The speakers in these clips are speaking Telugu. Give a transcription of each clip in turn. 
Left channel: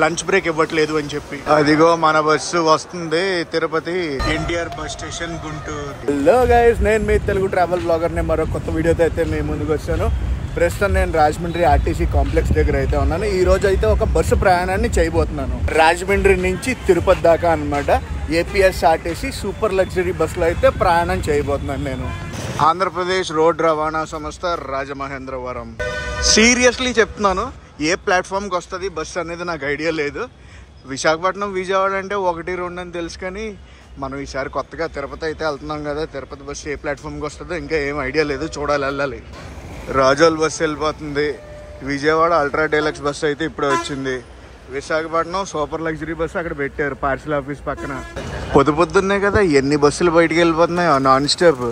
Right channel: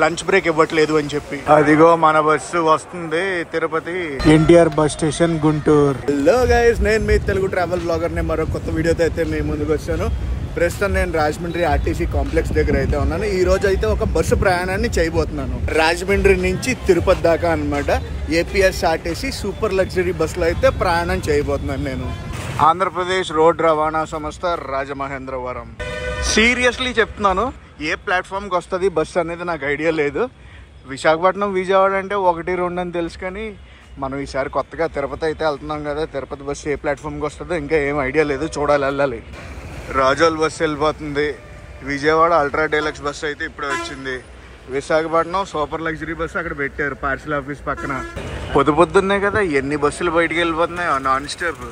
లంచ్ బ్రేక్ ఇవ్వట్లేదు అని చెప్పి. అదిగో మన బస్సు వస్తుంది Tirupati NTR bus station Guntur. Hello guys, నేను మీ తెలుగు ట్రావెల్ బ్లాగర్ ని మరో కొత్త వీడియోతో అయితే మీ ముందుకు వచ్చాను. ప్రస్తుతం నేను రాజమండ్రి ఆర్టీసీ కాంప్లెక్స్ దగ్గర అయితే ఉన్నాను. ఈ రోజు అయితే ఒక బస్సు ప్రయాణాన్ని చేయబోతున్నాను రాజమండ్రి నుంచి తిరుపతి దాకా అన్నమాట. ఏపీఎస్ఆర్టీసీ సూపర్ లగ్జరీ బస్సులో అయితే ప్రయాణం చేయబోతున్నాను నేను. ఆంధ్రప్రదేశ్ రోడ్ రవాణా సంస్థ రాజమహేంద్రవరం. సీరియస్లీ చెప్తున్నాను, ఏ ప్లాట్ఫామ్కి వస్తుంది బస్సు అనేది నాకు ఐడియా లేదు. విశాఖపట్నం విజయవాడ అంటే 1-2 అని తెలుసు, కానీ మనం ఈసారి కొత్తగా తిరుపతి అయితే వెళ్తున్నాం కదా. తిరుపతి బస్సు ఏ ప్లాట్ఫామ్కి వస్తుందో ఇంకా ఏం ఐడియా లేదు, చూడాలి, వెళ్ళాలి. రాజోల్ బస్సు వెళ్ళిపోతుంది. విజయవాడ అల్ట్రా డీలక్స్ బస్సు అయితే ఇప్పుడు వచ్చింది. విశాఖపట్నం సూపర్ లగ్జరీ బస్సు అక్కడ పెట్టారు పార్సల్ ఆఫీస్ పక్కన. పొద్దున్నే కదా ఎన్ని బస్సులు బయటికి వెళ్ళిపోతున్నాయో non stop.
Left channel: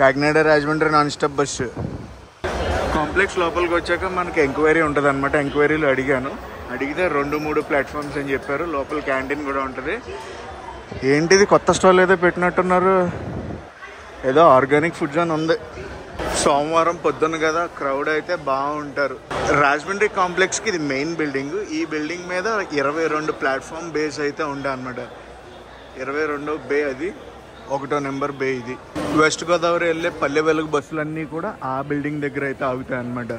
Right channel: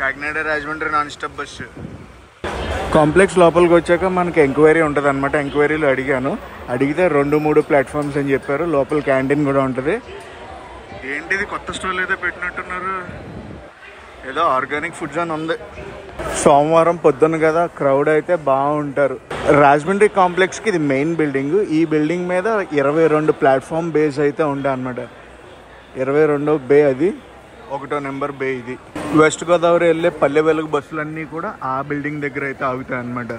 Kakinada Rajahmundry non stop bus. Complex లోపలికి వచ్చాక మనకి ఎంక్వైరీ ఉంటుంది అనమాట. ఎంక్వైరీలో అడిగితే 2-3 ప్లాట్ఫామ్స్ అని చెప్పారు. లోపల క్యాంటీన్ కూడా ఉంటుంది. ఏంటిది కొత్త స్టాల్ ఏదో పెట్టినట్టున్నారు, ఏదో ఆర్గానిక్ ఫుడ్స్ అని ఉంది. సోమవారం పొద్దున్న కదా, క్రౌడ్ అయితే బాగుంటారు. రాజమండ్రి కాంప్లెక్స్కి ఇది మెయిన్ బిల్డింగ్. ఈ బిల్డింగ్ మీద 22 ప్లాట్ఫామ్ బేస్ అయితే ఉంటాయి అనమాట. 22వ బే అది, 1వ నెంబర్ బే ఇది. వెస్ట్ గోదావరి వెళ్ళే పల్లె వెలుగు బస్సులన్నీ కూడా ఆ బిల్డింగ్ దగ్గర అయితే ఆగుతాయి అనమాట.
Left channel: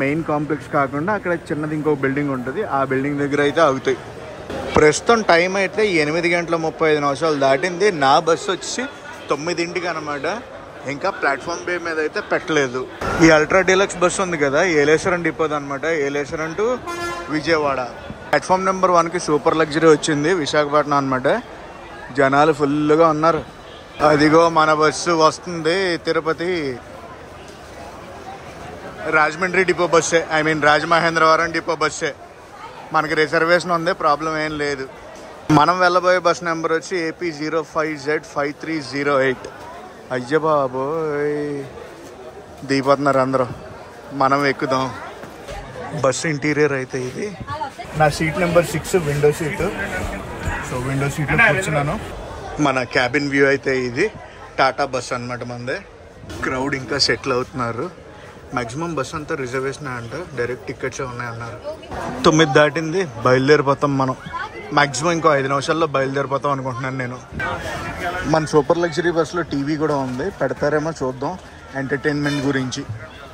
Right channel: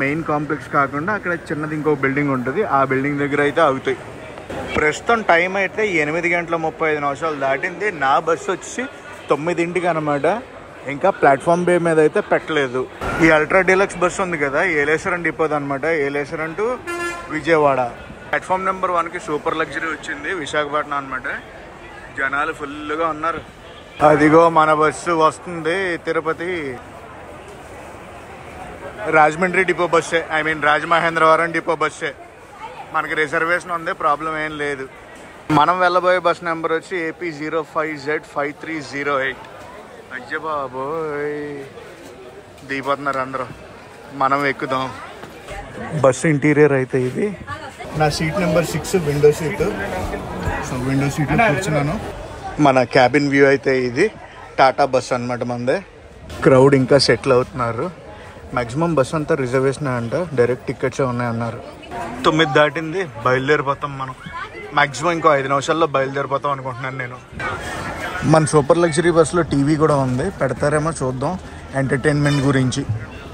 మెయిన్ కాంప్లెక్స్ కాకుండా అక్కడ చిన్నది ఇంకో బిల్డింగ్ ఉంటుంది, ఆ బిల్డింగ్ దగ్గర అయితే ఆగుతాయి. ప్రస్తుతం టైం అయితే 8:35 దాటింది. నా బస్సు వచ్చి 9ంటికి అనమాట. ఇంకా ప్లాట్ఫామ్ బే మీద అయితే పెట్టలేదు. ఈ అల్ట్రా డీలక్స్ బస్సు ఉంది కదా, ఏలేశ్వరం డిపోది అనమాట. Yeleswaram to Vijayawada. Platform number 1కి సూపర్ లగ్జరీ వచ్చింది, విశాఖపట్నం అనమాట. జనాలు ఫుల్గా ఉన్నారు. అదిగో మన బస్సు వస్తుంది తిరుపతి. రాజమండ్రి డిపో బస్సే, రాజమహేంద్రవరం డిపో బస్సే. మనకి రిజర్వేషన్ ఉంది, ప్రాబ్లం ఏం లేదు. మనం వెళ్ళబోయే బస్ నెంబర్ వచ్చి AP 05Z5308. అయ్య బాబోయ్, దిగిపోతున్నారు అందరూ, మనం ఎక్కుదాం. బస్సు ఇంటీరియర్ అయితే ఇది. నా seat number 6 window seat. So window సీట్లో కూర్చున్నాను. మన క్యాబిన్ వ్యూ అయితే ఇది. టాటా బస్ అనమాట మనదే. క్రౌడ్ ఇంకా సెటిల్ అవుతున్నారు. మ్యాక్సిమం బస్ అంతా రిజర్వేషన్ అంట, డైరెక్ట్ టికెట్సే ఉన్నాయన్నారు. 9 దాటింది, బయలుదేరిపోతాం మనం. మ్యాక్సిమం ఇంకో 5 నిమిషాల్లో బయలుదేరిపోతాం అనుకుంటున్నాను నేను. మన సూపర్ లగ్జరీ బస్సులో టీవీ కూడా ఉంది, పెడతారేమో చూద్దాం ఎంటర్టైన్మెంట్ గురించి.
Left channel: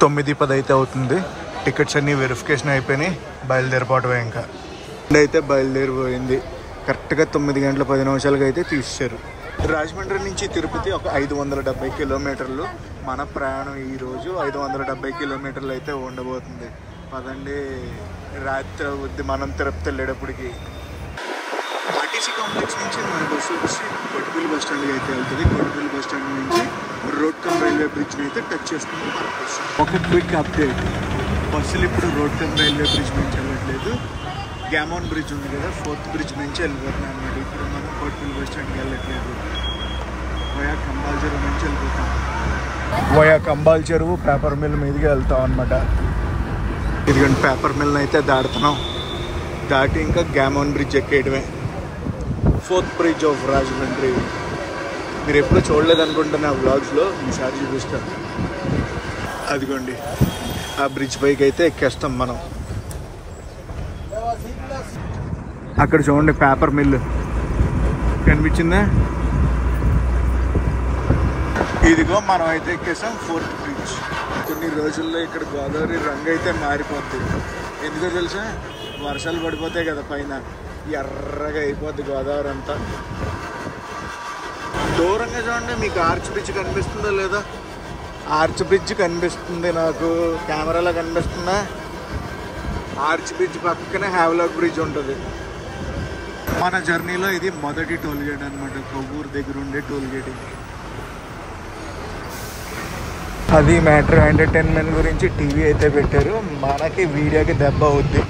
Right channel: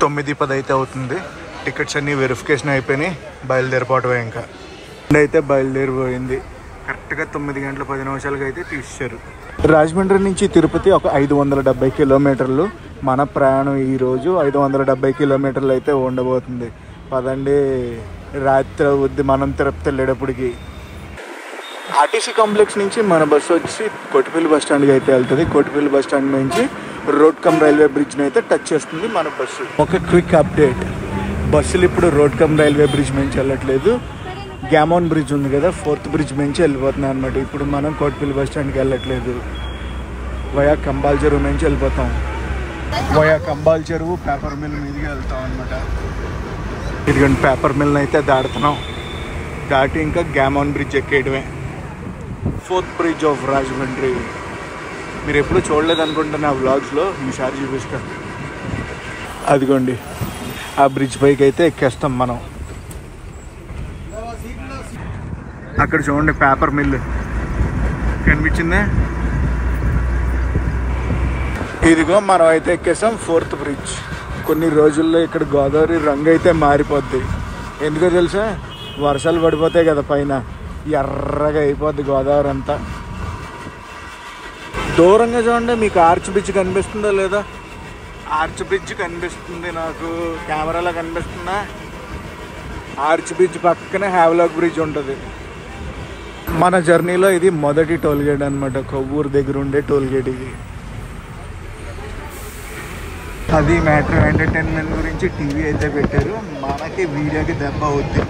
9:10 అయితే అవుతుంది. టికెట్స్ అన్నీ వెరిఫికేషన్ అయిపోయినాయి, బయలుదేరిపోవటమే. ఇంకా అయితే బయలుదేరిపోయింది. కరెక్ట్గా 9:10 అయితే తీశారు. రాజమండ్రి నుంచి తిరుపతి ఒక 570 కిలోమీటర్లు. మన ప్రయాణం ఈరోజు 570 కిలోమీటర్లు అయితే ఉండబోతుంది. పదండి, రాత్రి అవుద్ది మనం తిరుపతి వెళ్ళేటప్పటికి. ఆర్టీసీ కాంప్లెక్స్ నుంచి మన బస్సు వచ్చి కొట్టిపల్లి బస్ స్టాండ్కి అయితే వెళ్తుంది. కొట్టిపల్లి బస్ స్టాండ్ నుంచి రోడ్ కమ్ రైల్వే బ్రిడ్జ్ని అయితే టచ్ చేస్తుంది మన బస్సు. ఒక క్విక్ అప్డేట్, బస్సులు ఇప్పుడు రోడ్ కమ్ రైల్వే బ్రిడ్జ్ నుంచి వెళ్ళట్లేదు. గ్యామోన్ బ్రిడ్జ్ ఉంది కదా, 4th బ్రిడ్జ్ నుంచి వెళ్ళిపోతున్నాం అనమాట. ఇప్పుడు మనం కోటిపల్లి బస్ స్టాండ్కి వెళ్ళట్లేదు, వయా కంబాల చెరువు నుంచి వెళ్ళిపోతాం. వయా కంబాల చెరువు పేపర్ మిల్ మీదకి వెళ్తాం అనమాట. ఇదిగోండి పేపర్ మిల్ని అయితే దాడుతున్నాం. దాటి ఇంకా గ్యామోన్ బ్రిడ్జ్ ఎక్కేయడమే. 4th bridge of Rajahmundry. మీరు ఎప్పుడు చూడలేదు అనుకుంటున్నా వ్లాగ్స్లో, ఈసారి చూపిస్తాను. అదిగోండి ఆ బ్రిడ్జ్ పైకి అయితే ఎక్కేస్తాం మనం. అక్కడ చూడండి పేపర్ మిల్ కనిపించిందా. ఇదిగో మనం అయితే ఎక్కేసాం 4th బ్రిడ్జ్. కొన్ని రోజుల్లో ఇక్కడ గోదావరి రంగు అయితే మారిపోద్ది. ఎందుకో తెలుసా, వర్షాలు పడిపోతాయి కదా పైన, ఎర్రగా అయిపోద్ది గోదావరి అంతా. దూరంగా చూడండి, మీకు ఆర్చ్ బ్రిడ్జ్ కనిపిస్తుందా లేదా? ఆర్చ్ బ్రిడ్జ్ కనిపిస్తుంది నాకు, కెమెరాలో కనిపిస్తుందా? ఆర్చ్ బ్రిడ్జ్ పక్కనే హ్యావ్లాక్ బ్రిడ్జ్ ఉంటుంది. మన జర్నీలో ఇది మొదటి టోల్గేట్ అనమాట, కొవ్వూరు దగ్గర ఉండే టోల్గేట్ ఇది. అది మ్యాటర్. ఎంటర్టైన్మెంట్ గురించి టీవీ అయితే పెట్టారు, మనకి వీడియోకి దెబ్బ అవుద్ది.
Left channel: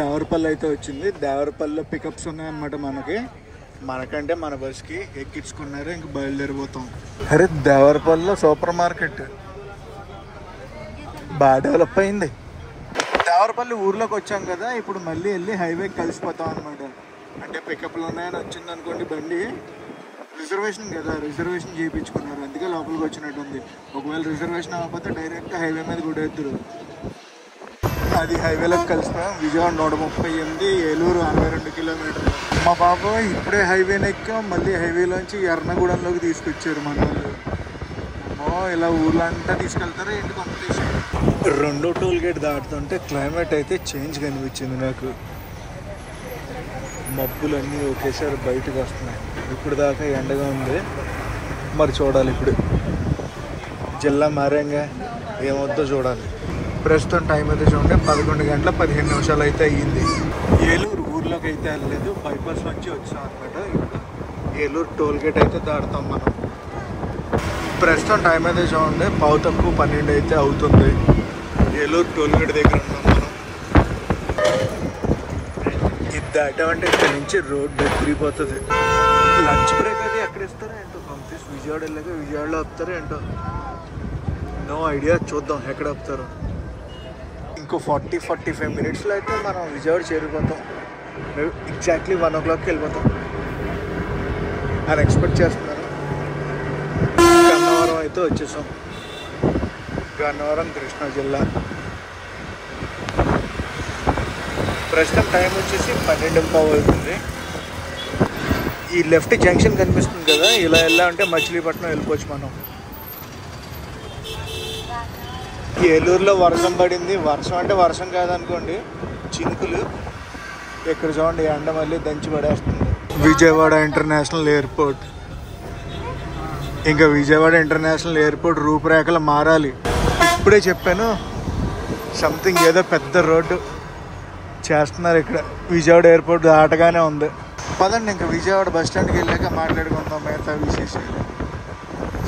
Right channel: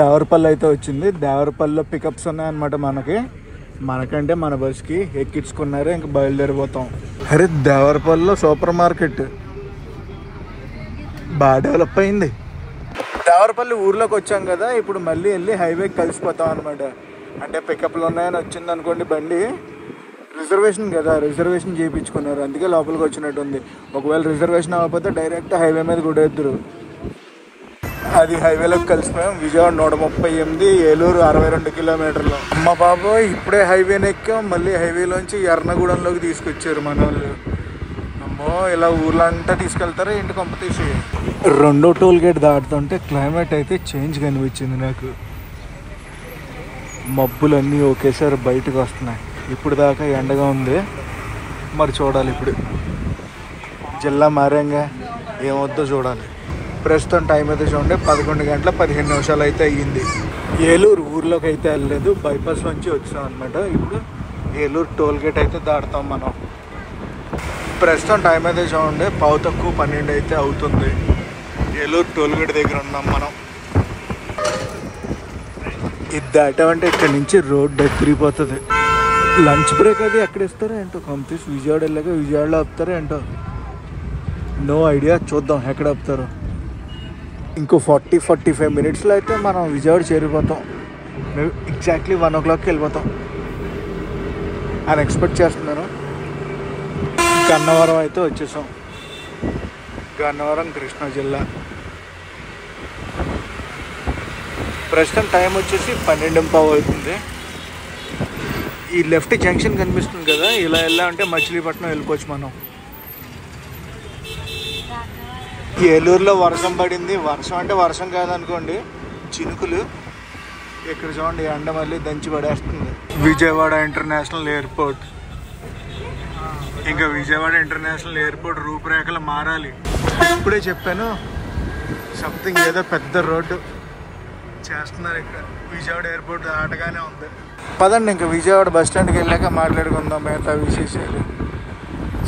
దేవరపల్లి అయితే వచ్చింది. దేవరపల్లిలో పికప్స్ ఉన్నాయన్నమాట మనకంటే మన బస్కి ఎక్కించుకున్నారు. ఇంక బయలుదేరిపోతాం. అరే దేవరపల్లిలో సూపర్ మార్కెట్ బాగా డెవలప్ అయింది. దేవరపల్లి ఊర్లోకి వచ్చాం కదా, ఇప్పుడు మళ్ళీ వెళ్ళి హైవేకి కలిసిపోతాం అనమాట. అంటే పికప్లు ఉన్నాయని వచ్చింది అనుకోండి బండి, రిజర్వేషన్ కదా, రిజర్వేషన్ చేయించుకున్నారు, అందుకే లోపలికి వచ్చినట్టుంది. ఒకవేళ రిజర్వేషన్ అవ్వకపోతే డైరెక్ట్ హైవే మీద కూడా ఎత్తురు. అది హైవేలోకి కలిసిపోయాం. విజయవాడ 138, ఏలూరు 62 కిలోమీటర్లు. మా బాబాయ్ ఇప్పుడే హైవేని ఎక్కాం, మళ్ళీ హైవేలోంచి ఎర్నగూడెంలోకి తీసుకొచ్చారు మన వాళ్ళు. అమ్మో, ఇలా ఊర్లో అంతా తీసుకెళ్తారా ఏంటి కాంపిటీషన్. రెండో టోల్ గేట్ దాటుతుంటే క్లైమేట్ అయితే చేంజ్ కనిపించింది నాకు. మబ్బులన్నీ ఒకేసారి బయటకు వస్తున్నాయి. ఇప్పుడు దాకా ఎండగా ఉంది, మరి చూడాలి ఇప్పుడు జిల్లా మారంగా ఏమవుద్దో చూడాలి. ప్రస్తుతం టైం అయితే చూడండి 11 గంటల 15 నిమిషాలు అయితే అయ్యింది. ఏలూరు ఊర్లోకి అయితే వెళ్ళలేదు, బైపాస్ నుంచి వచ్చాం అనమాట. ఇప్పుడు ఏలూరు టోల్ గేట్ అయితే దాటుతాం మనం. ప్రస్తుతం టైం అయితే చూడండి 11:12 అయితే అవుతుంది. ఏలూరు టోల్ గేట్ దగ్గర ఉన్నాం మనం. ఇది దాటామంటే ఇక్కడ నుంచి రోడ్డు తిరిగిపోతుంది. లంచ్ బ్రేక్ అది ఎక్కడ ఇస్తారో ఏంటో, కంప్లీట్ విజయవాడ వెళ్ళాక విజయవాడలో ఆపుతారో ఏంటో, నో ఐడియా. చూద్దాం ఎక్కడ ఆపుతారో. ఇంకో 40-45 మినిట్స్లో అయితే మనం విజయవాడ చేరిపోతాం. మేము ఎగ్జాక్ట్లీ 1 o'clockకి వెళ్ళిపోతాం అని ఎక్స్పెక్ట్ చేస్తున్నాను. గన్నవరం అయితే వచ్చేసాం. గన్నవరం కృష్ణా జిల్లా. ప్రస్తుతం టైం వచ్చేసి 12:15 అవుతుంది. ఈ లెఫ్ట్ జంక్షన్ కనిపిస్తుంది కదా, ఇలా వెళ్ళామంటే మచిలీపట్నం వెళ్ళిపోవచ్చు మనం. ఏలూరులో వర్షం పడింది. వర్షం అంటే వర్షం కాదనుకోండి, చినుకులు. ఇక్కడ చూడండి ఎండ మళ్ళీ దంచి పడేస్తుంది. Vijayawada international airport. ఇంకా విజయవాడ ఇంటర్నేషనల్ ఎయిర్పోర్ట్ రూపురేఖలు మారాలి. ఇప్పుడే చెప్పాను, సంథింగ్ ఏదో పెద్ద రోడ్డు చేస్తున్నారు ఇక్కడ. విజయవాడ ఎయిర్పోర్ట్ దాటగానే ఉంది. పదండి ఇంకా విజయవాడ బస్ స్టాండ్కి వెళ్ళాక మాట్లాడుకుందాం మిగతా విశేషాలు.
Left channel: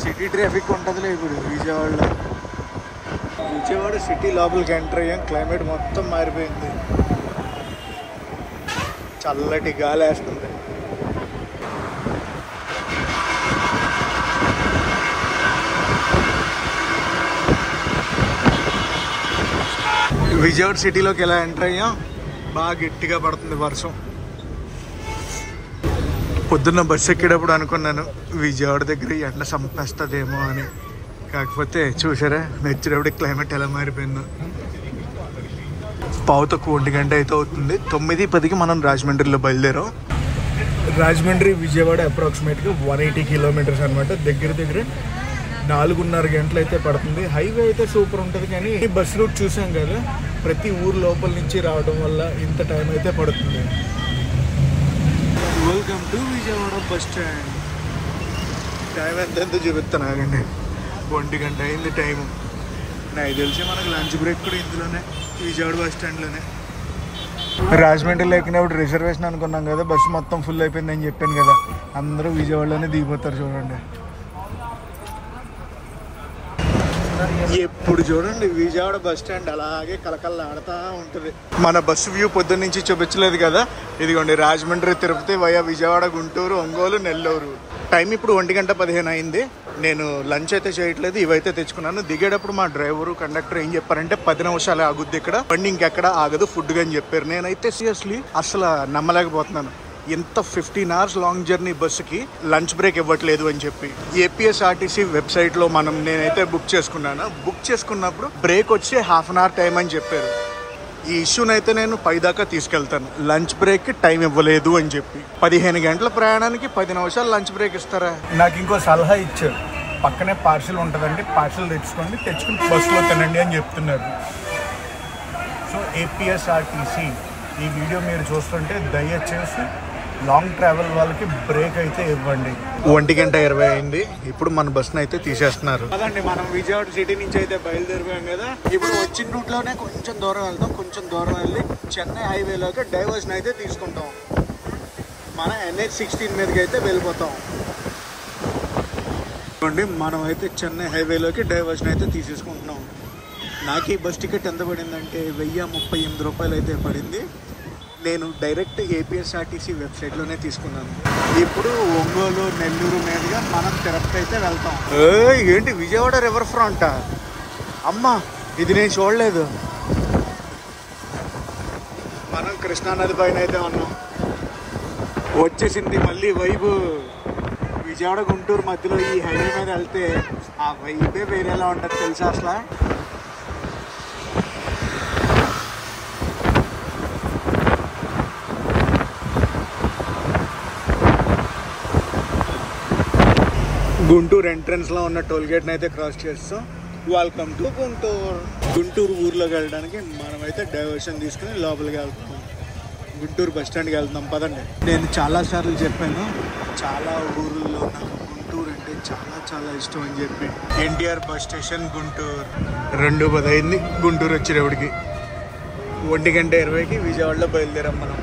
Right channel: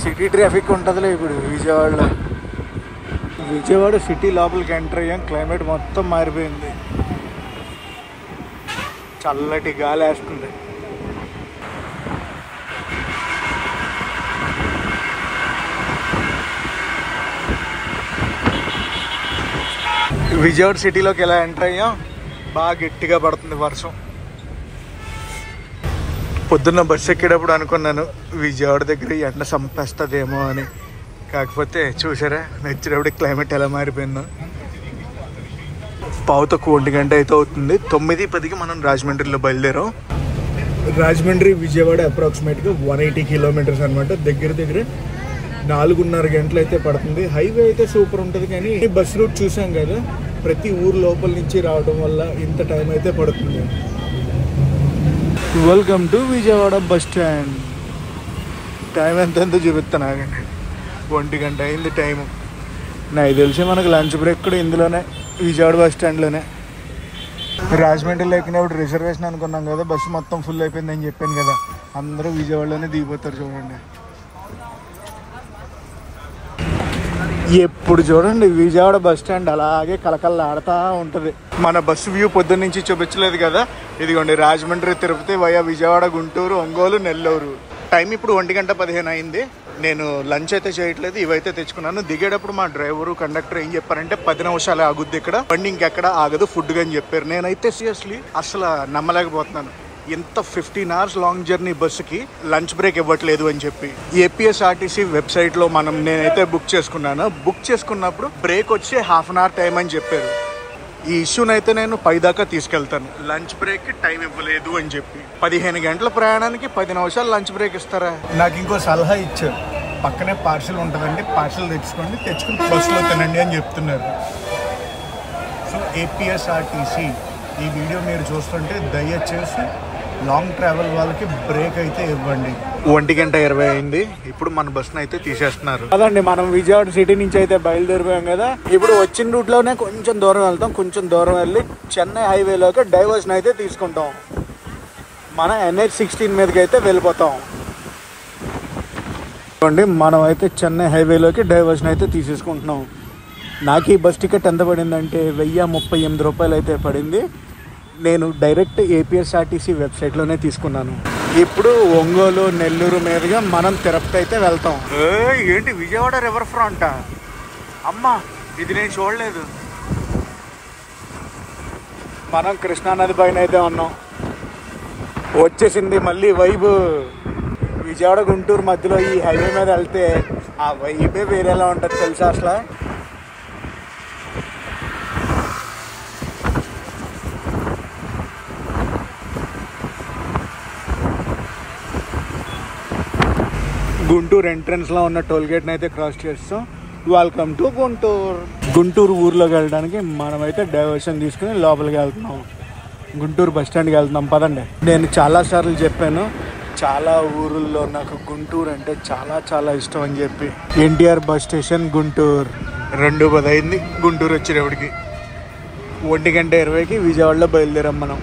సిటీ ట్రాఫిక్ ఉంటుందిలే ఇప్పుడు విజయవాడలో. విజయవాడ సిటీ లోపలికి ఎంటర్ అయ్యాం. క్లైమేట్ మొత్తం మారిపోయింది, చల్లటి గాలి వేస్తుంది. విజయవాడ సిటీలోకి ఎలా ఎంటర్ అయ్యాం, బాగా గట్టిగా పడుతుంది వర్షం. పొద్దున్న బస్సు ఎక్కేటప్పుడు అనుకున్నాను విజయవాడ దగ్గర ఎండ చంపేస్తుందేమో అని. కాకపోతే చూసారా నచ్చినప్పుడు క్లైమేట్ ఎలా మారిపోయిందో. 1:15 గంట అయితే అవుతుంది. 9:10కి మనం రాజమండ్రిలో బయలుదేరాం. రాజమండ్రి విజయవాడ అప్రాక్సిమేట్గా 180 కిలోమీటర్స్ అనమాట. దగ్గర 4.5 గంటలు అయితే పడుతుంది. హైవే అయితే సూపర్ ఉంటుంది, కానీ బస్ రూట్ చూసాం కదా, ప్రతి ఊరు లోపల నుంచి రావడం వల్ల ఇంత టైం అయితే పడుతుంది. Welcome to Vijayawada bus stand. Time ఎంతెంతో చూపిస్తాను ఆగండి. 1 గంట అయింది టైము. నాకు తెలిసి మనకు లంచ్ బ్రేక్ కూడా ఇందులోనే, విజయవాడ బస్ స్టాండ్లోనే. రాజమండ్రిలో ఎక్కినప్పుడు రిజర్వేషన్ అనుకున్నాం కదా, బస్సు మొత్తం ఫుల్ అయిపోయిందని చెప్పాను కదా, అందరూ విజయవాడలోనే దిగిపోతారు. చూడండి ఎప్పుడు చూడండి విజయవాడ బస్ స్టాండ్ అలాగే కలకల్లాడుతూ ఉంటుంది. మన బస్సు వ్యూ పొద్దున్న నుంచి చూపించలేదు కదా, ఇదిగోండి రాజమండ్రి తిరుపతి వయా విజయవాడ గుంటూరు ఒంగోలు నెల్లూరు. టైం ఇప్పుడు 1:15 అయింది. నేను లంచ్ అయితే చేయట్లేదు, ఇవైతే తెచ్చుకున్నాను. దిగేటప్పుడు మా డ్రైవరు కండక్టర్ ఏం చెప్పారంటే 10 నిమిషాలే ఆగుద్ది ఇక్కడ, బండి ఇంకెక్కడ ఆగదు ఫుడ్ అని చెప్పారు. నేనైతే సీరియస్లీ అసలు నమ్మలేకపోతున్నాను. ఇంత 15 hours లాంగ్ జర్నీ బస్సుకి లంచ్ బ్రేక్ ఇవ్వట్లేదు అని చెప్పి. ఏపీఎస్ఆర్టీసీ వెబ్సైట్ లో నేనైతే బుక్ చేసుకున్నాను. బుక్ చేసుకున్నప్పుడు బ్రేక్ వచ్చి 1/2 hour టైం అని చెప్పారు. ఈ ఇష్యూని అయితే నేను పై దాకా తీసుకెళ్తాను. లంచ్ బ్రేక్ కి టైం ఇవ్వలేదు అని చెప్పి 15 గంటల ప్రయాణానికి 10 నిమిషాలు లంచ్ బ్రేక్ ఇస్తారా? నాకు ఇంకో సలహా ఇచ్చారు, పక్కనే పార్సిల్ ఉంటుందండి, పార్సిల్ తెచ్చుకుని బస్సులో తినండి అని చెప్తున్నారు. సో ఏపీఎస్ఆర్టీసీ ఈ వీడియో మీరు చూస్తుంటే దయచేసి లాంగ్ ట్రావెల్ వాళ్ళకి బ్రేక్ అయితే ఇవ్వండి. 1:20 అయింది. ఇప్పుడు మన బస్సును అయితే తీసేస్తున్నారు. అదండి మనం విజయవాడ సిటీ నుంచి అయితే బయలుదేరిపోయాం కదా. ఇప్పుడు వచ్చిన రూట్ లోనే కొంచెం దూరం వెళ్తాం. కొంచెం దూరం వెళ్ళి చెన్నై హైవేలోకి డైవర్షన్ అయితే తీసుకుంటాం. మన NH-16 మీదకి అయితే వెళ్ళిపోతాం. చూడండి మనం అయితే చెన్నై హైవేలోకి డైవర్షన్ అయితే తీసేసుకుంటున్నాం. నాకు ఈ బస్ టికెట్ ఎంత పడిందంటే 1038 రూపాయలు అయితే పడింది. నేను డైరెక్ట్ ఏపీఎస్ఆర్టీసీ వెబ్సైట్లోనే తీసుకున్నాను. ఇప్పుడు ఒంగోలు నెల్లూరు మీదుగా మనం తిరుపతి అయితే వెళ్తాం. ఏంటి విజయవాడ రివర్ ఫ్రంటా? అమ్మా ఇది నేను చూడలేదు. మనం కృష్ణానది పైన అయితే ఉన్నాం. వచ్చేసింది మళ్ళీ వైబు. విజయవాడ గుంటూరు మధ్యలో ఈ హైవే మీద వెళ్తే ఆ వైబే వేరేలా ఉంటుంది తెలుసా. అసలు గుంటూరు ఎంట్రన్స్ లో ఉన్న టోల్ గేట్ అయితే క్రాస్ చేస్తాం. Welcome to Guntur. గుంటూరు ఊర్లోకి వెళ్ళడానికి మనమైతే డైవర్షన్ తీసుకుని లోపలికి వెళ్తున్నాం. గుంటూరు బస్ స్టాండ్కి వెళ్తున్నాం, పదండి. నేను చాలాసార్లు చెప్పాను, చాలా ఊరుల్లో నాకు గుంటూరు అంటే చాలా చాలా ఇష్టం అని చెప్పి. NTR bus station Guntur. 2:10 అయింది గుంటూరు వచ్చేటప్పటికి. 1:20కి విజయవాడలో బయలుదేరాం మనం.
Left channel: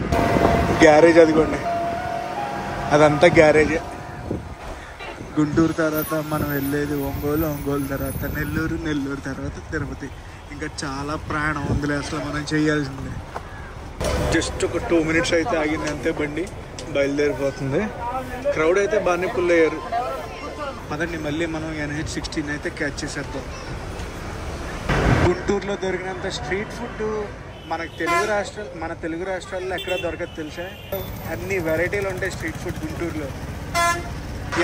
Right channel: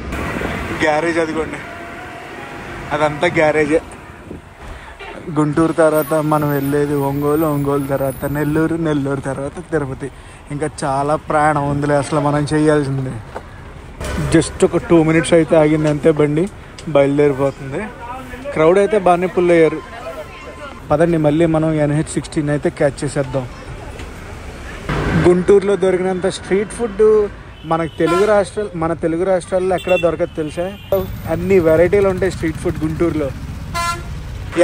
గ్యారేజ్ అదిగోండి, అదంతా గ్యారేజే. గుంటూరు తర్వాత మనం వెళ్ళేది ఒంగోలు, ఒంగోలు తర్వాత నెల్లూరు, నెల్లూరు తర్వాత తిరుపతి. ఇంకా చాలా ప్రయాణం ఉందిలే అసలు మనం చేయాల్సింది. జస్ట్ ఒక 2 minutes అయితే ఆగింది అంతే, బండి బయలుదేరిపోతుంది. క్రౌడ్ అయితే బాగానే పుల్ అయ్యారు. పదండి మళ్ళీ మనం NH16 అయితే క్యాచ్ చేసేద్దాం. గుంటూరులో దొరికినంత స్ట్రీట్ ఫుడ్ మన తెలుగు రాష్ట్రాల్లో ఎక్కడ దొరకదు తెలుసా. అన్ని వెరైటీలు ఉంటాయి స్ట్రీట్ ఫుడ్ గుంటూరులో.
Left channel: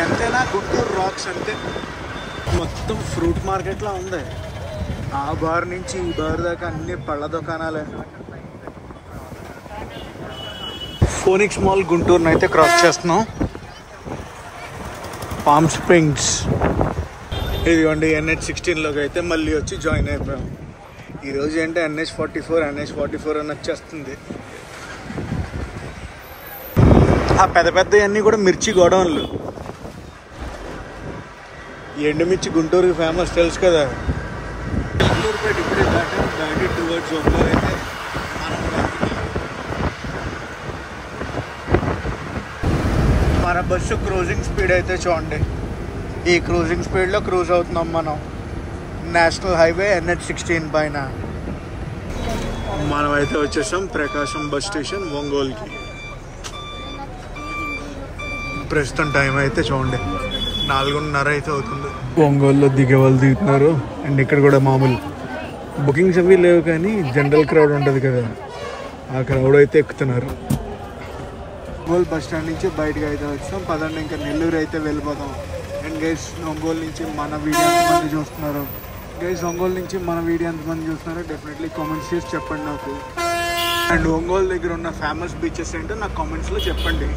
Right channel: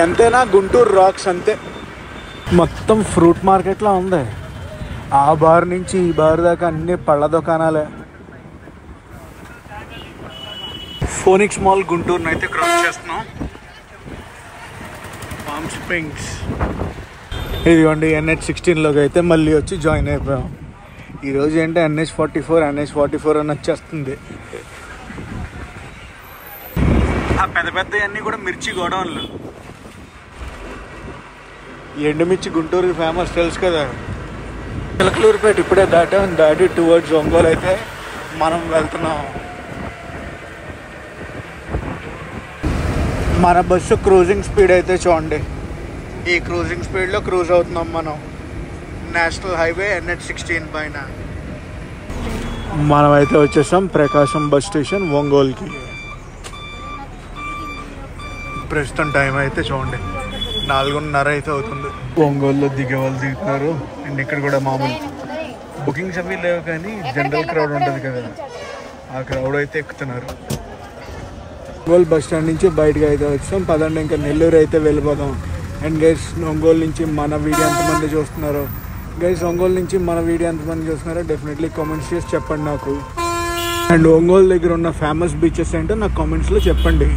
ఎంతైనా గుంటూరు రాక్స్ అంతే. మొత్తం ఫ్రూట్ మార్కెట్లా ఉంది. ఆ బార్ నుంచి ఈ బార్ దాకా అన్ని పళ్ళ దుకాణాలే. ఫోనిక్స్ మాల్ గుంటూరుని అయితే క్రాస్ చేస్తున్నాం. పామ్ స్ప్రింగ్స్ ఇదిగోండి. NH16లోకి అయితే మళ్ళీ వచ్చి జాయిన్ అయిపోయాం. ఈరోజు ఏంటంటే NH44 అని వచ్చేస్తుంది. ఆ పెద్ద పెద్దవన్నీ కూడా మిర్చి గోడౌన్లు. ఎండుమిర్చి గుంటూరుకి ఫేమస్ తెలుసు కదా. చిలకలూరుపేట ఇప్పుడే దాటి టువర్డ్స్ ఒంగోలు అయితే మనం వెళ్తున్నాం. మన బస్సు క్రూజింగ్ స్పీడ్ అయితే చూడండి. ఈ క్రూజింగ్ స్పీడ్లో క్రూజ్ అవుతున్నాం మనం నేషనల్ హైవే NH16 పైన. మనమైతే వచ్చేసాం ప్రకాశం బస్ స్టేషన్ ఒంగోలుకి. ప్రస్తుతం టైం అయితే చూడండి 4:30 అయితే అవుతుంది. ఒంగోలులో దిగే వాళ్ళు దిగుతున్నారు. అండ్ ఇక్కడ కూడా మామూలు బుకింగ్స్ అవి లేవు, కానీ జనరల్ క్రౌడ్ ఉంటుంది కదా, ఆ క్రౌడ్ అయితే ఎక్కుతున్నారు. ఒంగోలు బస్ స్టాండ్ నుంచి బయటకు అయితే వచ్చాం. పదండి ఇంకా నెల్లూరు అయితే వెళ్ళిపోతాం. అండ్ గైస్ ఒంగోలు నుంచి మన వీడియో ఎంతమంది చూస్తున్నారు, ఒంగోలు నుంచి మన వీడియో ఎంతమంది చూస్తున్నారో డెఫినెట్లీ కామెంట్స్ చేసి చెప్పండి నాకు. అండ్ ఒంగోలు దగ్గర ఉన్న ఫేమస్ బీచెస్ ఏంటో నాకు కామెంట్స్లో చెప్పండి.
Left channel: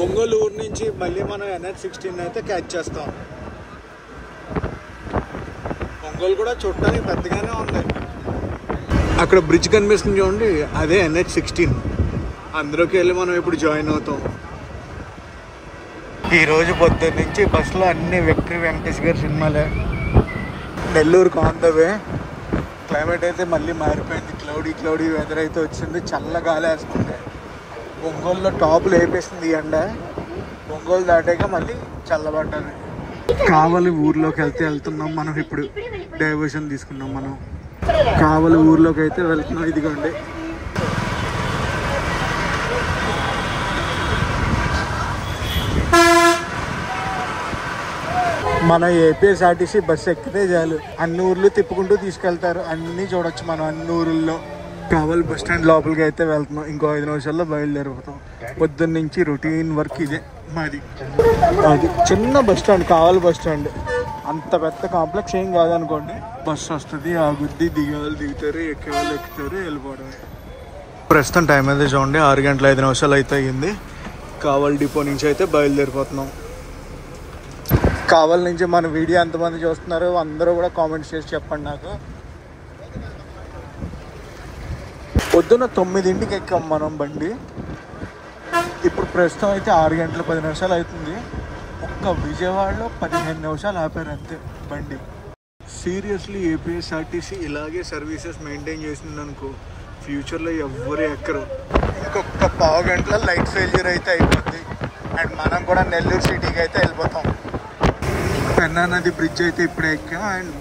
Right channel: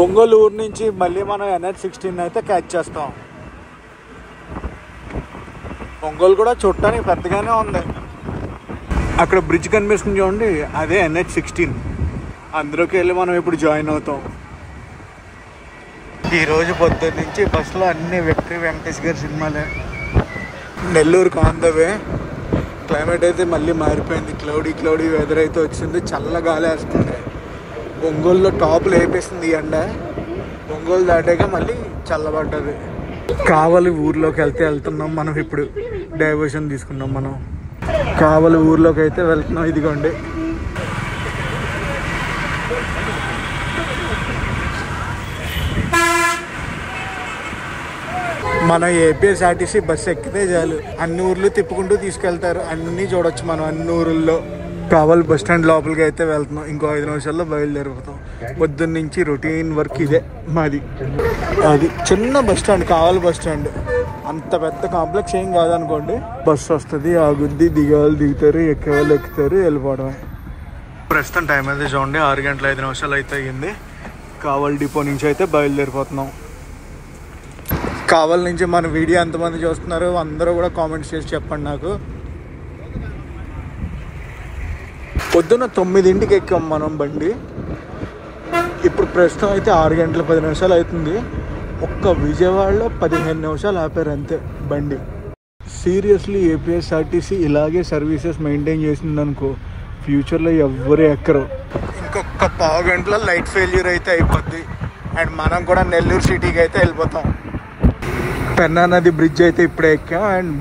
ఒంగోలు ఊరు నుంచి మళ్ళీ మనం NH16 అయితే క్యాచ్ చేస్తాం. ఒంగోలు కూడా చూడటానికి పెద్దగానే ఉంది. అక్కడ బ్రిడ్జ్ కనిపిస్తుంది చూడండి, అదే NH16. అందులోకి వెళ్ళి మనం ఇప్పుడు జాయిన్ అవుతాం. ఈరోజు పొద్దున్న నుంచి బస్సులో అన్ని విక్టరీ వెంకటేష్ గారి సినిమాలే. నెల్లూరుకు ఆన్ ద వే. క్లైమేట్ అయితే మళ్ళీ మారిపోయింది. క్లౌడీ వెదర్ అయితే వచ్చింది. చల్లగాలి వేస్తుంది. ఒంగోలులో టాపులు వేపేసింది ఎండ. ఒంగోలు దాటాక మళ్ళీ చల్లబడ్డది. కావలి ఊర్లోకి వెళ్తున్నాం మనం. ఇప్పుడు డైవర్షన్ తీసుకున్నాం మనం. కావలి ఊర్లోకి అయితే వెళ్తున్నాం. ఇదిగోండి మనం APSRTC బస్సు ఎక్కితే చాలు, అన్ని ఊర్లు తిప్పుకుంటూ తీసుకెళ్తారు. అన్నీ చూడొచ్చు మనం అన్ని ఊరుల్లో. కావలి బస్ స్టాండ్ లోపలికి అయితే వెళ్తున్నాం. ఇంకో 5 నిమిషాల్లో బయలుదేరిపోతాం. పొద్దున్న నుంచి రొటీన్ వర్క్ ఇదే మాది. చిన్న బస్ స్టాండ్, కావలి బస్ స్టాండ్. అంత పెద్ద కాంప్లెక్స్ ఏం కాదనుకోండి. బస్సు వస్తుంది, ఆగుద్ది, దిగేవాళ్ళు దిగుతారు, ఎక్కేవాళ్ళు ఎక్కుతారు, వెళ్ళిపోవడమే. ప్రస్తుతం టైం అయితే చూడండి 6:05 అయితే అయ్యింది. కావలి డిపో నుంచి అయితే బయలుదేరిపోతున్నాం. కావలి నుంచి మన వీడియో ఎంతమంది చూస్తున్నారు అందరూ కూడా కామెంట్స్ చేసి చెప్పండి నాకు. పొద్దున్న 9ంటికి ఎక్కాం మనం బండి. ఇప్పుడు ప్రస్తుతం అయితే 6:10 అవుతుంది. ఒక్క విజయవాడలో 15 నిమిషాలు ఆపారు అంతే బండి. సీరియస్లీ APSRTC ఇలాగే సర్వీసెస్ మెయింటైన్ చేసిందనుకో ఫ్యూచర్లో ఎవ్వరు ఎక్కరు. ఇంకొక పావు గంటలో లైట్ ఫెయిల్యూర్ అయితే అయిపోద్ది. అండ్ మనం కూడా నెల్లూరు సిటీకి అయితే వెళ్ళిపోతాం. పెన్నా నది బ్రిడ్జ్ అయితే ఇప్పుడే ఎక్కాం. అండ్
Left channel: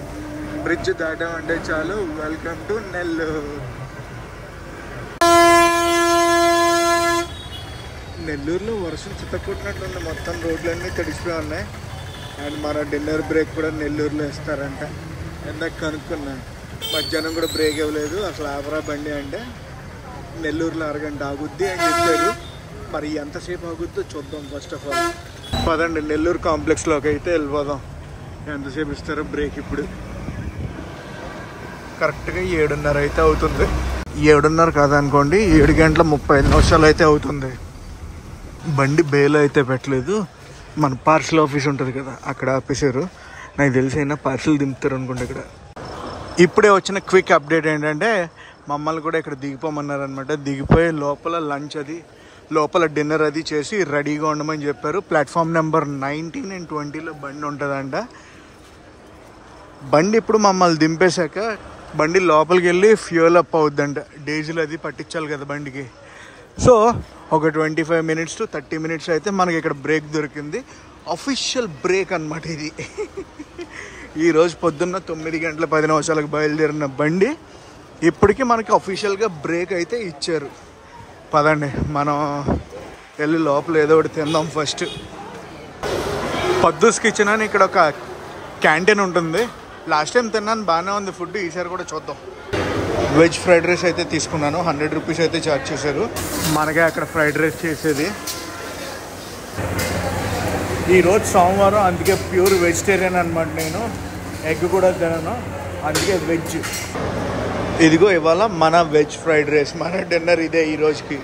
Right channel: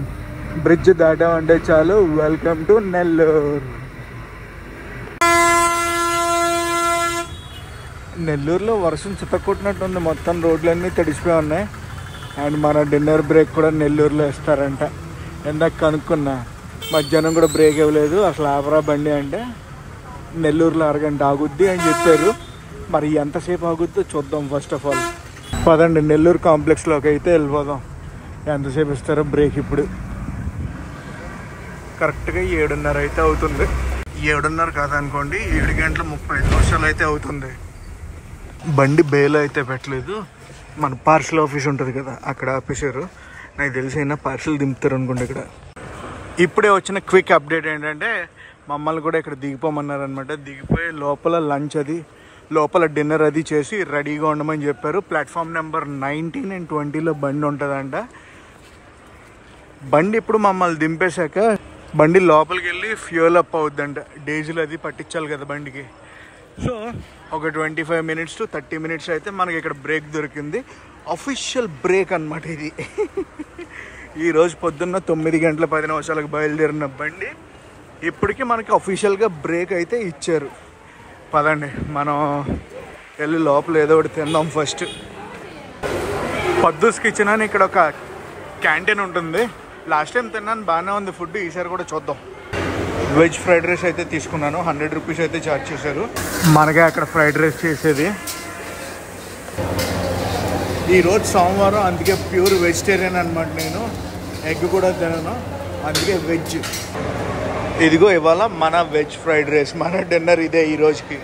బ్రిడ్జ్ దాటామంటే చాలు వెల్కమ్ టు నెల్లూరు. నెల్లూరులో వర్షం చిత్తకొట్టినట్టుంది. మొత్తం రోడ్లన్నీ తడిసిపోయి ఉన్నాయి. అండ్ మన డిన్నర్ బ్రేక్ కూడా నెల్లూరులో ఇస్తారంట. ఇందాక కనుక్కున్నా, మధ్యాహ్నం కూడా బ్రేక్ ఇవ్వలేదు. అసలు ఆపరా బండి అంటే నెల్లూరులో 1 గంట ఆగుద్ది అని చెప్పారు. మరి ఎంతసేపు ఆగుద్దో చూద్దాం. ఫస్ట్ ఆఫ్ ఆల్ పదండి నెల్లూరు కాంప్లెక్స్లోకి అయితే వెళ్ళిపోదాం. ఎంతసేపు ఇస్తారో బ్రేక్? ఇప్పుడు కరెక్ట్గా 7:30 అయితే అవుతుంది. 7:30 కాదనుకోండి, 7:35 అయితే అవుతుంది. బండి బేలో అయితే పెట్టలేదు, మన పార్సల్ ఆఫీస్ ఉంటుంది కదా అక్కడ ఆపేశారు. నాకు తెలిసి అయినా పార్సల్ దింపుతారు అనుకోండి ఇక్కడ. ఇప్పుడే వచ్చిన క్విక్ అప్డేట్ ఏంటంటే మమ్మల్ని కూడా ఇక్కడ దిగిపోమన్నారు అనమాట. దిగిపోయి లోపల లంచ్ అది, లోపల డిన్నర్ అది చేసి రెడీగా ఉండమని చెప్పారు. ప్లాట్ఫామ్ నెంబర్ 19 and 20లో బండి ఉంటుందంట. బండి ఇప్పుడు మమ్మల్ని దింపేశాక బండి లోపలికి వెళ్ళి ఫ్యూల్ అప్ అవుద్దంట. డీజిల్ అది పట్టించాలి కదా బండికి. సో ఒక 25 minutes to 30 minutes అయితే మనకి ఇక్కడ బ్రేక్ దొరికింది. అఫీషియల్ బ్రేక్ అనమాట ఇది. ఈరోజు పొద్దున్న 9:10 బయలుదేరిన బండి ఇప్పటికీ మనకి అఫీషియల్గా బ్రేక్ అయితే ఇచ్చారు. పదండి మనం వెళ్ళి లోపల ఏదో ఒకటి తిందాం. ఫస్ట్ పద్దూస్ కిచెన్ అని ఇక్కడ ఒక క్యాంటీన్ ఉంటుంది. లాస్ట్ టైం తిన్నాను, బాగానే ఉంది ఫుడ్. ఈసారి కూడా చూద్దాం. వెజ్ ఫ్రైడ్ రైస్ అయితే తీసుకున్నాను. 100 rupees అయితే ఛార్జ్ చేశారు. మనకే అక్కడ ఫ్రైడ్ రైస్ చేసేది. ఈరోజు సోమవారం, అందుకే ప్యూర్ వెజిటేరియన్ అనమాట. నేను ఎగ్ కూడా తినను, అందుకే వెజ్. ఇదిగో ఇవాళ మన వెజ్ ఫ్రైడ్ రైస్, మన డిన్నర్ ఇదే. ఈ రోజుకి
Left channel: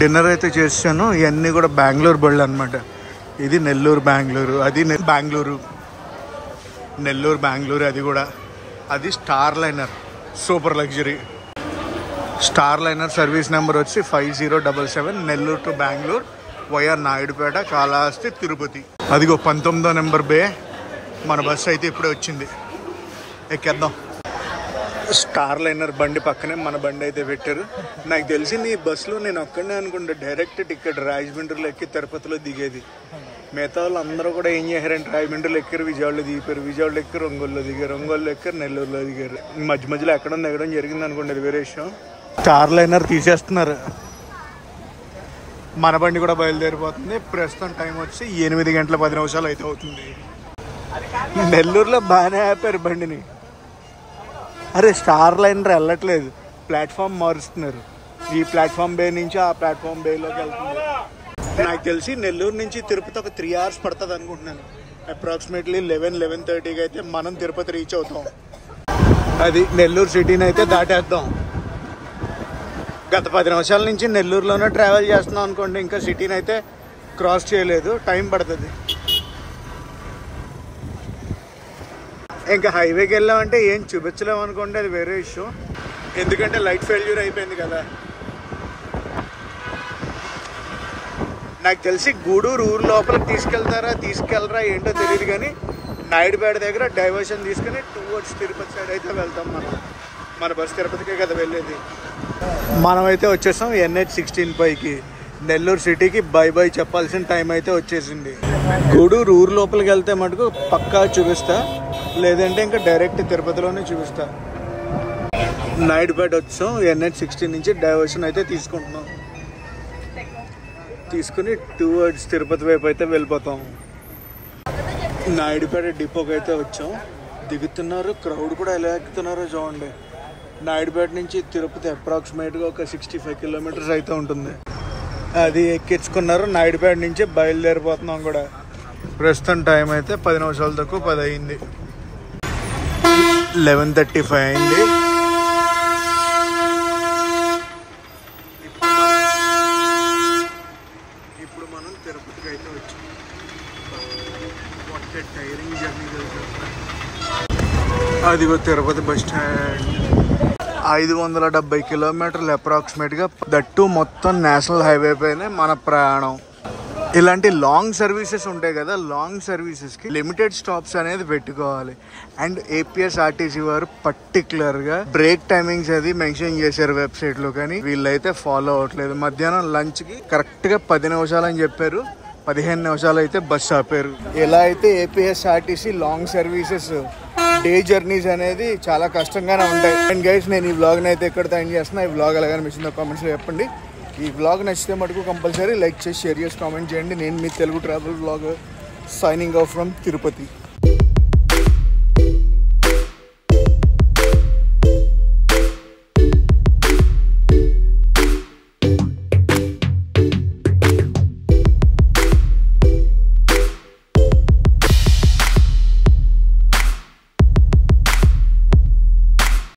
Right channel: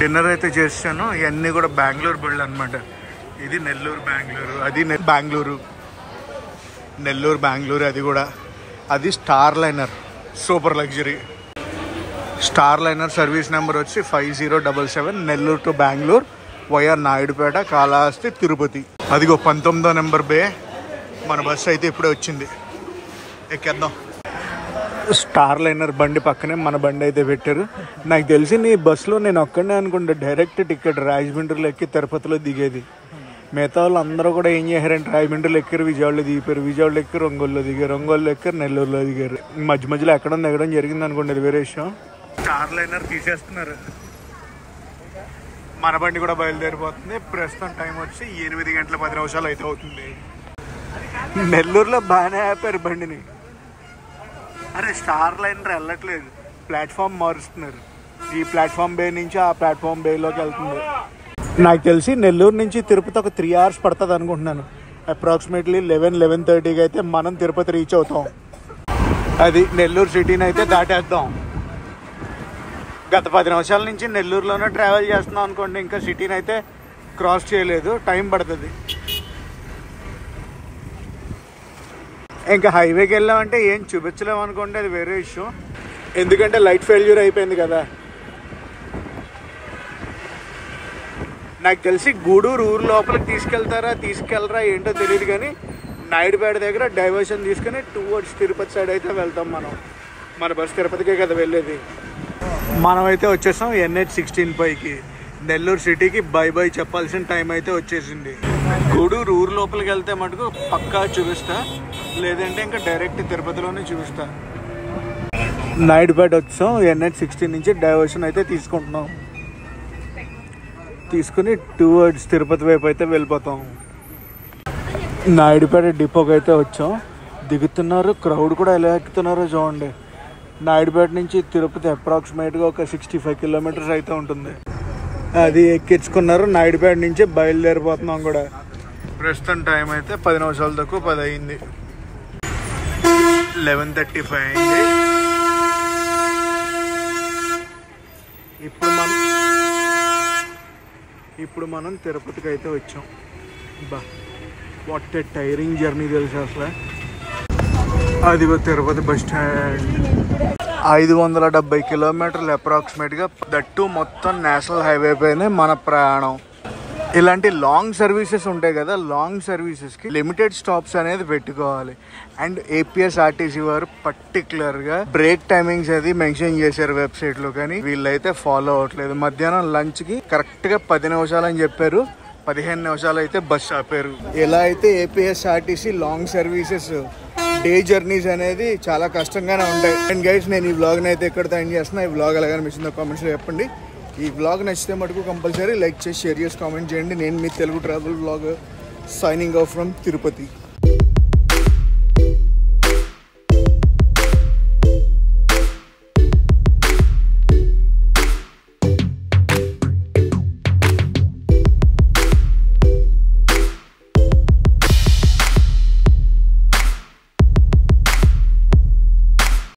డిన్నర్ అయితే చేశాను. ఇవన్నీ కూడా బెంగళూరు బళ్ళు అనమాట. ఇది నెల్లూరు బెంగళూరు, అది బెంగళూరు నెల్లూరు బెంగళూరు. అది కూడా అది star liner super luxury. Star liner service number వచ్చి 5077 నెల్లూరు టు బెంగళూరు వయా నాయుడుపేట, కాళహస్తి, తిరుపతి. అదిగో 19వ నెంబర్ బే. మన బస్సు అయితే ఇప్పుడే వచ్చింది, ఎక్కేద్దాం. స్టార్ లైనర్ బండి పక్కనే మన బండి అయితే పెట్టారు. నాకు తెలిసి నీ బస్సులో నేను ఒక్కడే అనుకుంటా డైరెక్ట్ టికెట్ రాజమండ్రిలో ఎక్కి తిరుపతిలో దిగేది. మిగతా వాళ్ళు అందరూ కూడా ఏం చేశారంటే రాజమండ్రిలో ఎక్కారు, విజయవాడలో దిగిపోయారు, విజయవాడలో ఎక్కారు, ఒంగోలులో దిగారు, ఒంగోలులో ఎక్కారు, నెల్లూరులో దిగారు. మధ్యలో ఎక్కడం జరిగింది అనుకోండి, అది వేరే విషయం. స్టార్ లైనర్ తీసేస్తున్నారు. మన బండి కూడా బయలుదేరిపోతుంది. ప్రస్తుతం టైం వచ్చి 8:10 అయితే అవుతుంది. నెల్లూరులో బాగానే ఆపారు బండిని. అరే స్టార్ లైనర్ వెళ్ళట్లేదు, ప్లాట్ఫామ్ మారుస్తున్నారు. ఈ ప్లాట్ఫామ్ బే నుంచి ఆ ప్లాట్ఫామ్ బేలోకి వెళ్తుంది. నాకు తెలిసి నెల్లూరు నుంచి తిరుపతి ఒక 3 hours పడుతుంది అనుకుంటున్నాను. అప్రాక్సిమేట్లీ 11-11:30కి అయితే మనం తిరుపతి రీచ్ అవుతాం. అది నెల్లూరు సిటీని అయితే దాటేద్దాం. గత 10 నిమిషాల నుంచి నెల్లూరులోనే ట్రావెల్ చేస్తున్నాం అనుకోండి, ఇంకా సిటీని అయితే క్రాస్ చేయలేదు, టైం పడుతుంది. ఇంకా హైవేకి వెళ్ళామంటే ఏం చూపించలేము అనుకోండి, అది వేరే విషయం. ఎందుకంటే లైట్ ఫెయిల్యూర్ అయిపోయింది కదా. నాకు తెలిసి గూడూరు ఊరు లోపలికి తీసుకెళ్లరా ఏంటో తెలియదు, కానీ నాయుడుపేట దగ్గర డైవర్షన్ తీసుకుని టువర్డ్స్ తిరుపతి సైడ్ అయితే వెళ్తాం మనం. మన బస్సు తిరుపతికే కదా వెళ్ళేది. మనమైతే వచ్చేసాం NH16 పైకి. నెల్లూరు సిటీకి బై చెప్పాల్సిన టైం అయితే వచ్చేసింది. గూడూరు ఊరు లోపలికి వెళ్తే మటుకు పక్కా చూపిస్తా, లేదంటే ఇంకా డైరెక్ట్ తిరుపతిలోనే చూపిస్తా. నాయుడుపేట వచ్చాం. NH16 నుంచి డైవర్షన్ అయితే తీసుకుంటున్నాం. తీసుకుని టువర్డ్స్ తిరుపతి వైపు అయితే వెళ్ళిపోతాం. నాయుడుపేట డిపోకి అయితే వచ్చాం. దిగుతున్నారు, క్రౌడ్ కూడా ఎలా ఎక్కుతున్నారో చూడండి. నాయుడుపేట నుంచి తిరుపతి అప్రాక్సిమేట్గా ఒక 65 kilometers అయితే ఉంటుంది. అది ఎక్కించుకున్నారు. నాయుడుపేట నుంచి బయలుదేరిపోతున్నాం కూడా. ప్రస్తుతం టైం అయితే 10 నిమిషాల తక్కువ 10 అయింది. 11:35 అయింది. ఇప్పుడు మనం తిరుపతికి అయితే వచ్చాం. వాట్ ఏ టైరింగ్ జర్నీ తెలుసా అసలు. అదిగో తిరుపతి బస్ స్టాండ్. 570 kilometers అప్రాక్సిమేట్గా. దట్టు మొత్తం నేషనల్ హైవే పైనే మన ప్రయాణం. ఇలాంటి లాంగ్ సర్వీసెస్ ఉంటాయి కదా, లాంగ్ సర్వీసెస్కి లిమిటెడ్ స్టాప్స్ అనేది పెట్టుకోవాలి. అండ్ APSRTC వారు పర్టికులర్గా బ్రేక్ టైమింగ్స్ అది మెన్షన్ చేశారు వెబ్సైట్లో, కానీ వీళ్ళైతే ఫాలో అవ్వట్లేదు. మధ్యాహ్నం లంచ్కి కరెక్ట్గా 10 నిమిషాలు అని చెప్పారు, 15 నిమిషాలు అయితే బస్ ఆపారు. ఎలా అయితే APSRTC long services day journeys అనేది చాలా కష్టంగానే ఉంటాయి. అండ్ గైస్, నేను ఈ వ్లాగ్ని అయితే ఎక్కడితో ఎండ్ చేస్తున్నా. ఈ వ్లాగ్ ఎలాగని నచ్చిందో కామెంట్స్లో చెప్పండి. ఈ వ్లాగ్ నచ్చితే మటుకు కంపల్సరీ లైక్ చేసి షేర్ చేసి కామెంట్ చేయండి. నేను మీ Telugu travel vlog signing off from Tirupati.